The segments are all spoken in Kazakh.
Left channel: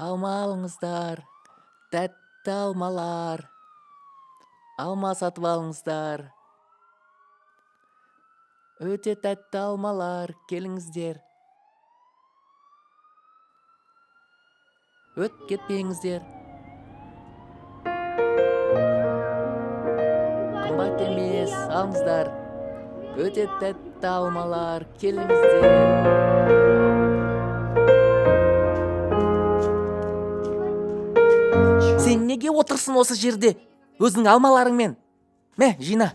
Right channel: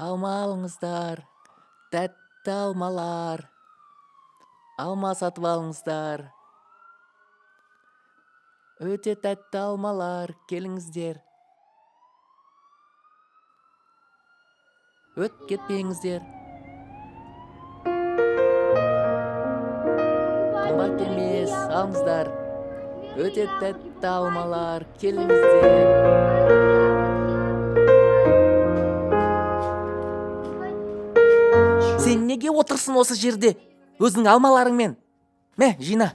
Alma alыңыздар. Тәтті алмалар. Алма сатып алыңыздар. Өте тәтті алмалар, келіңіздер. Өтіп кетпеңіздер. Қымбат емес, алыңыздар. Өте тәтті алмалар, келіңіздер. Сен неге отырсың осы жерде? Өзің алмаларыңмен. Мә, жина.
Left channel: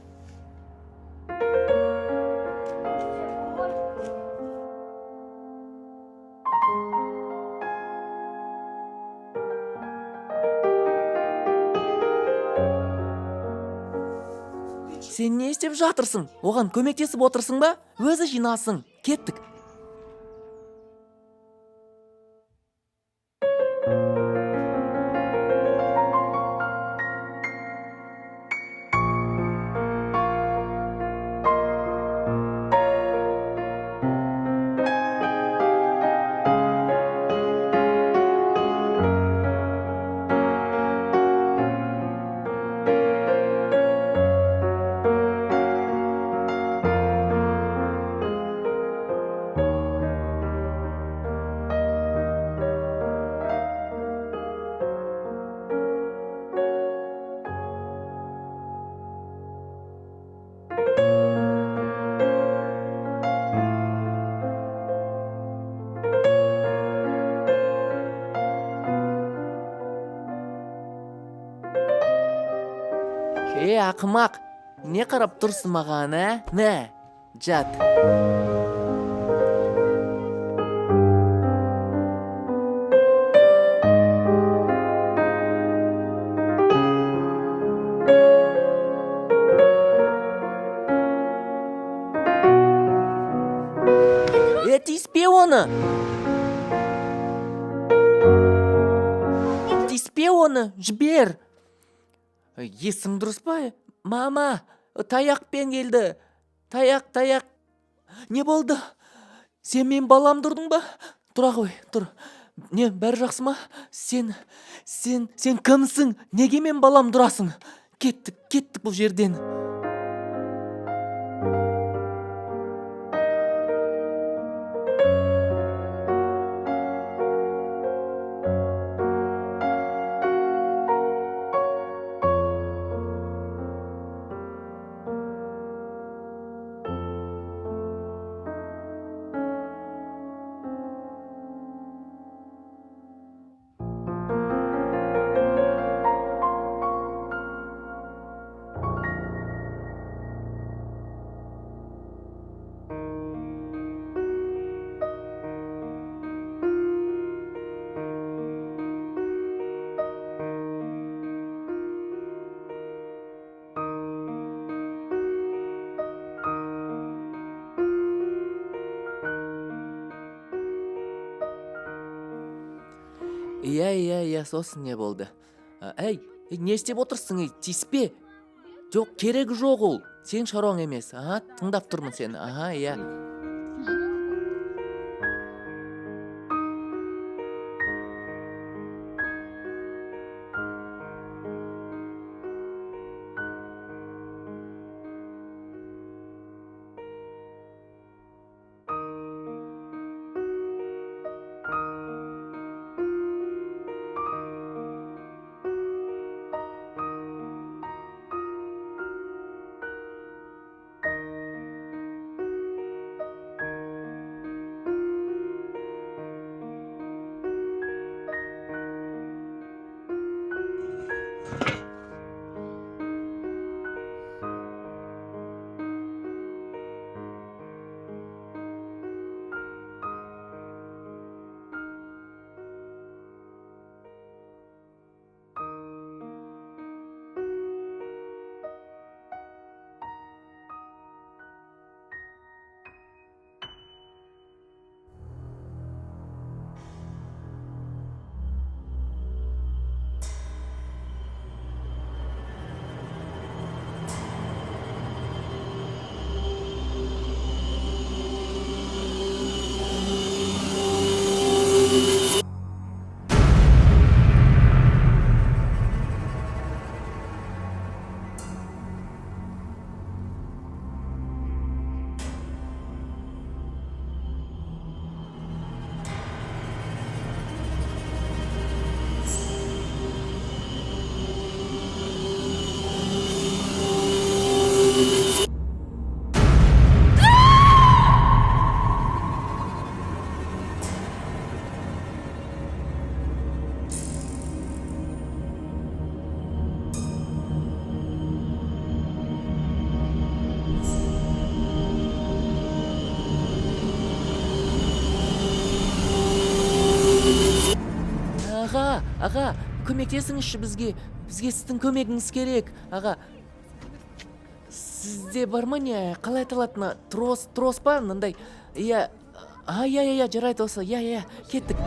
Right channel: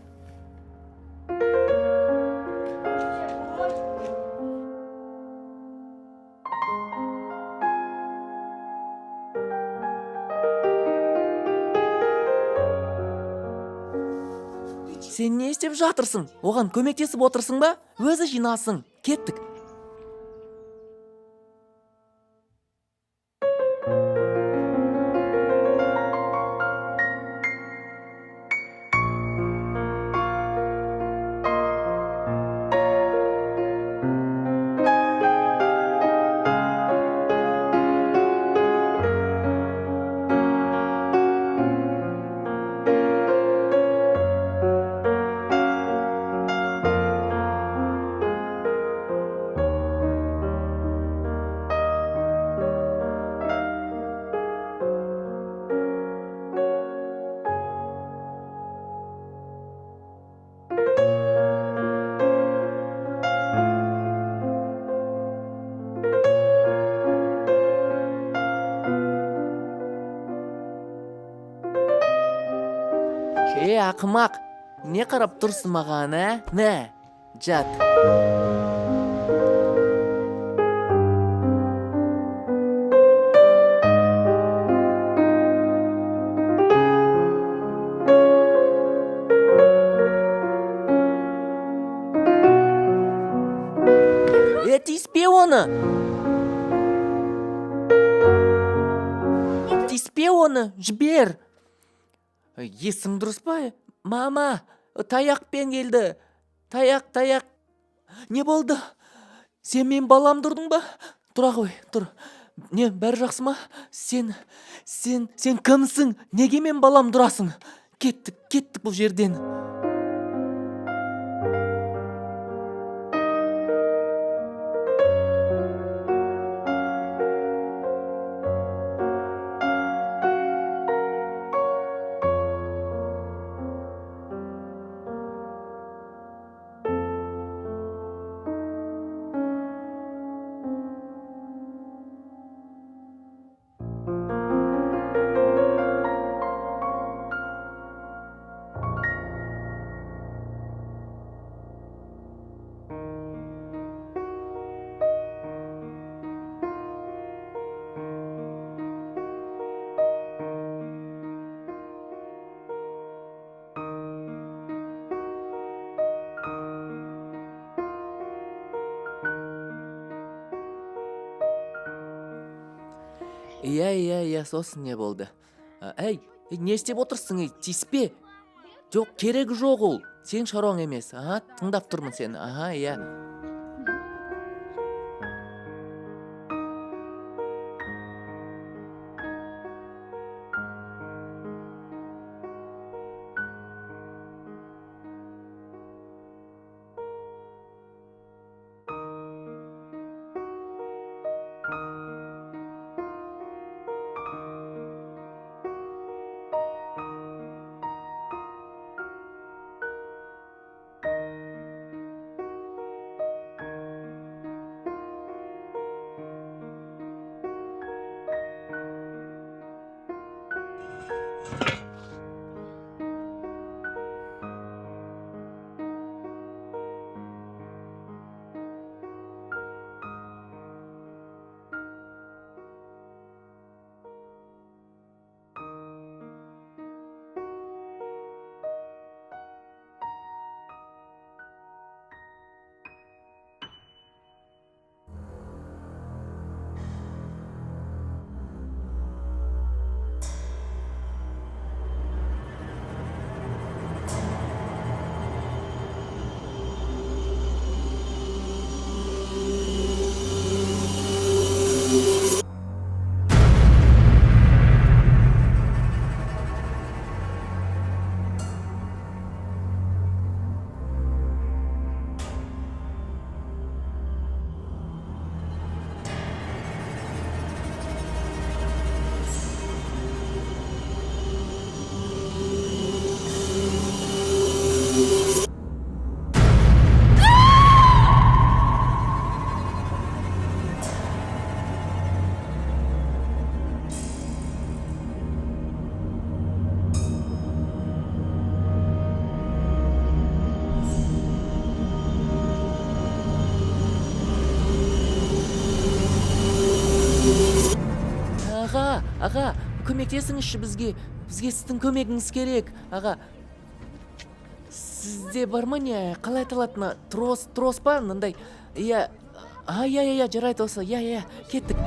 Сен не істеп жатырсың? Оған көмектесіп отырсың ба? Өзі жинасын. Кеттік. Ақымақ, не қарап тұрсың маған, Мә, жат. Тиіспе оны. Тиіспе оны, жібер. Есің дұрыс па? Мама, таяқпен келді. Таяқ. Не болды? Сен мен балам тұрдың ба? Тұра қой, тұр. Не, бәрі жақсы ма? Сен кімсің? Неге мен балам тұрасың? Кеттік бұл жерден. Иә, сосын не болды? Әй, не істеп отырсың? Тиіспе. Жоқ, керегі жоқ ол. Сен шаруаң емес. Тыңдап тұрмын сені. Иә. Аға, көмектесіңізші бізге. Бізге сіздің көмегіңіз керек, аға. Сізде бар ма не, қалай аталатыны? Трос па, мындай? Иә, жарайды осы. Иә, кеттік.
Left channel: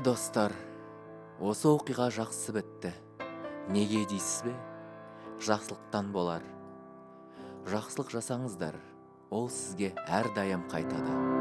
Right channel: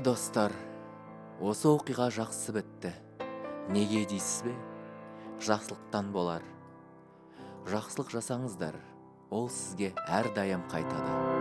Достар, осы оқиға жақсы бітті. Неге дейсіз бе? Жақсылықтан болар. Жақсылық жасаңыздар, ол сізге әрдайым қайтады.